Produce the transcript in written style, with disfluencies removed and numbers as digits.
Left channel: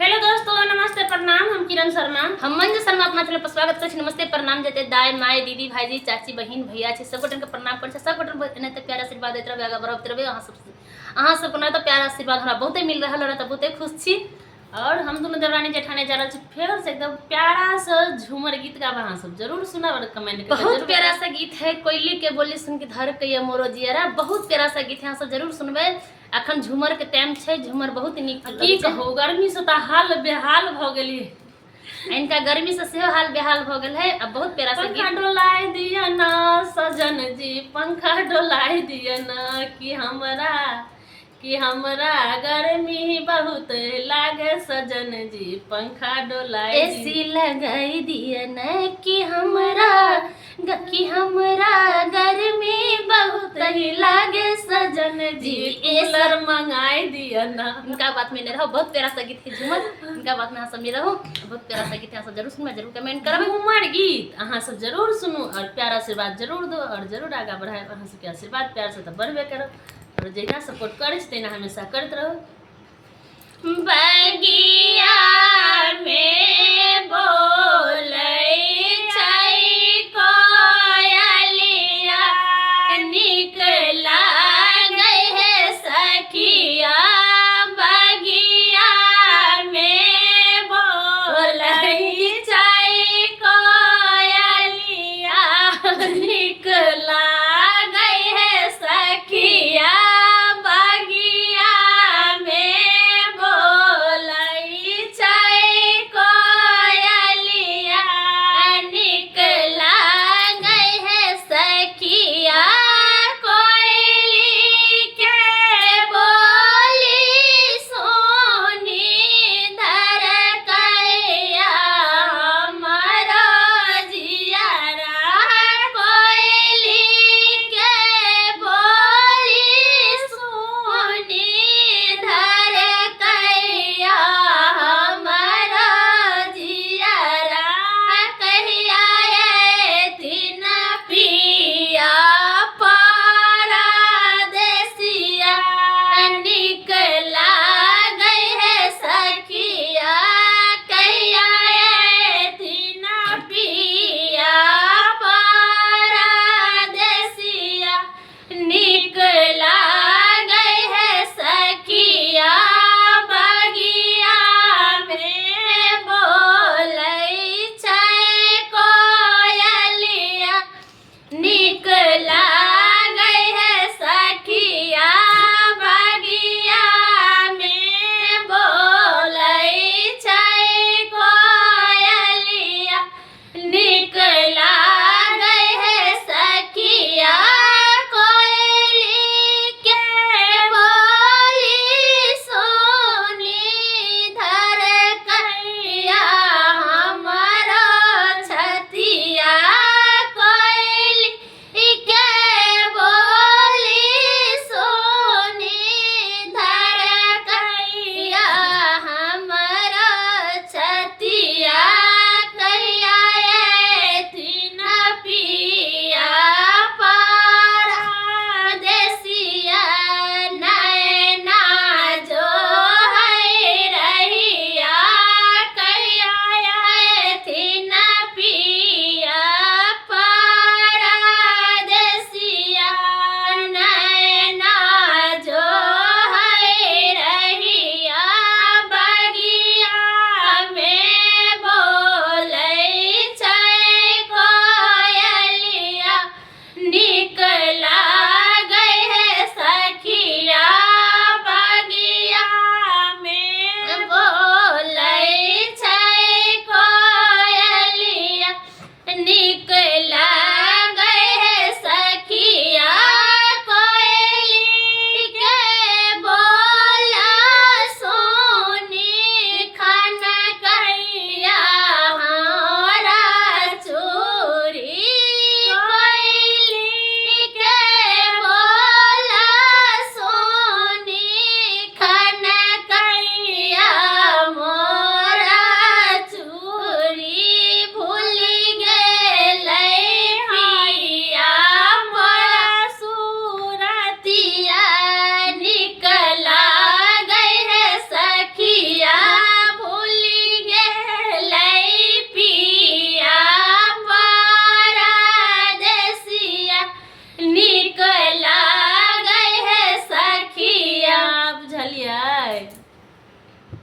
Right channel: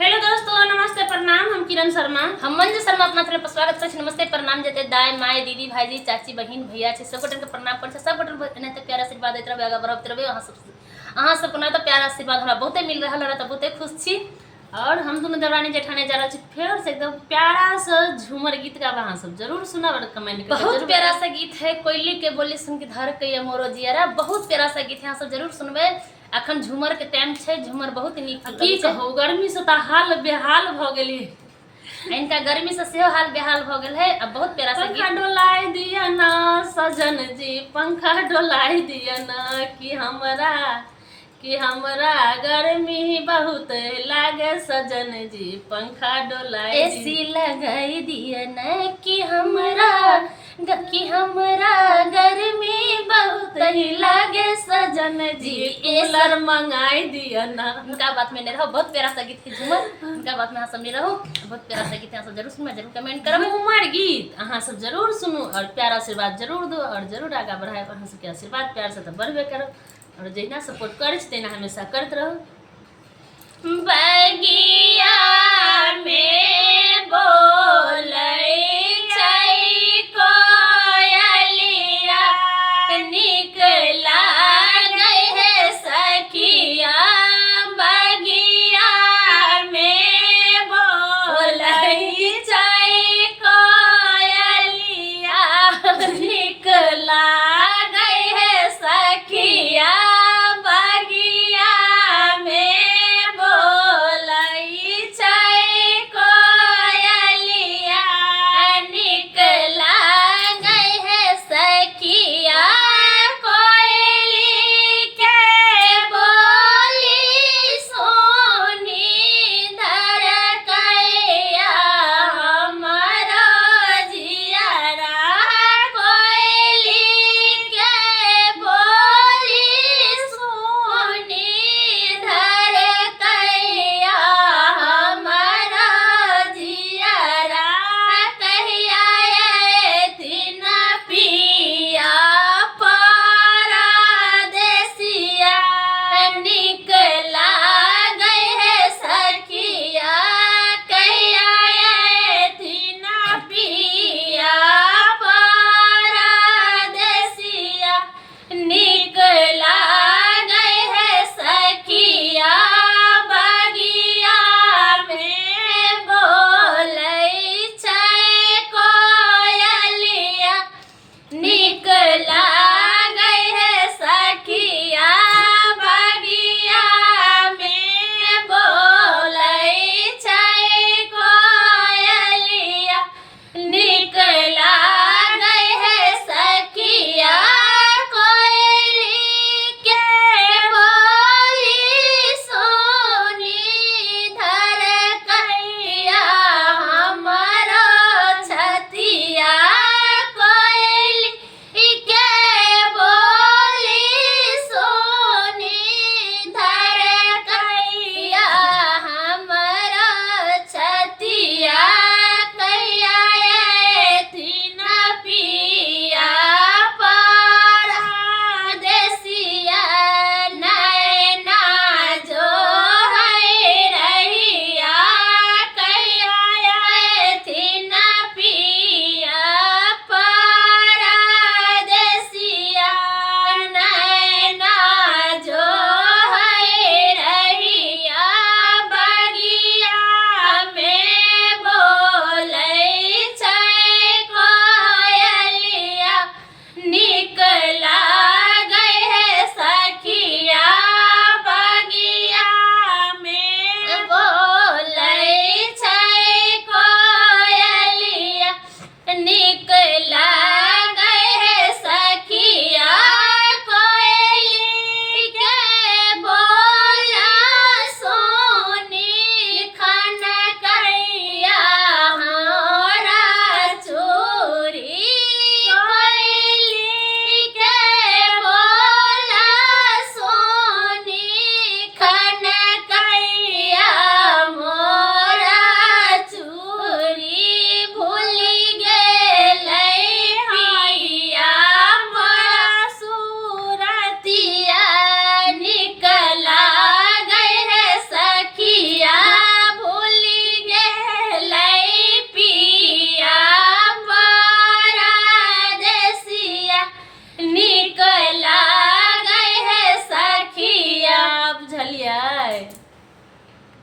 Hello दोस्तों, नमस्ते प्रणाम। हम किरण शर्मा, हम मंजू शर्मा अपना चैनल पर स्वागत कर छी। नमस्ते प्रणाम जते दाई माई दीदी भाईजी चाची बहन भैया छै सब गोटन के प्रणाम कर छै। सब गोटन एनाते प्यार आशीर्वाद देत रहबे, आगा बढ़त रहबे। अहाँ सब को तो प्यार आशीर्वाद हमरा बहुते मिल रहल है, तो बहुते खुश छी। और हम दोनों देवरानी जेठानी जा रहा छी फिर से एकदम प्यारा सा झूमर गीत गावा। अहाँ सब जरूर सुना और कमेंट करके बहुत प्यारा सा गीत है। कोयली के बोली सुन के धर के ये मोरो जियरा, बहुत प्यारा सा गीत है। अहाँ सब जरूर सुनबे। अखन झूमर के टाइम छै, झूमर बहुत नीक की कहू, गर्मी से तो हाल बेहाल भ गेली। इनका गर्मी से सेहो हाल बेहाल भ गेल है। अब बहुत प्यारा सा पंखा डोलाई दिया ना सजन जी, पंखा डोलाई दिया ना कि हमरा गर्मी बहुत लागे सजन जी, पंखा डोलाई एसी लगाई दिया न कि हमरा गर्मी बहुत लागे सजन जी, कूलर मंगाई दिया ना। इनका बात में नहीं रहो। बहुत प्यारा सा गीत है झूमर, इनका बात में हाँ सब नहीं रहो। बहुत प्यारा सा गीत है, सब जरूर सुनो, जरूर कमेंट करो। झूमर गीत अहाँ सब जरूर सुनू और प्यार आशीर्वाद जरूर दो और जरूर आगा बढ़ाए। अहाँ सबके आशीर्वाद प्यार से तो बढ़बे करो और जहिना सपोर्ट करे तहिना हमेशा करते रहो।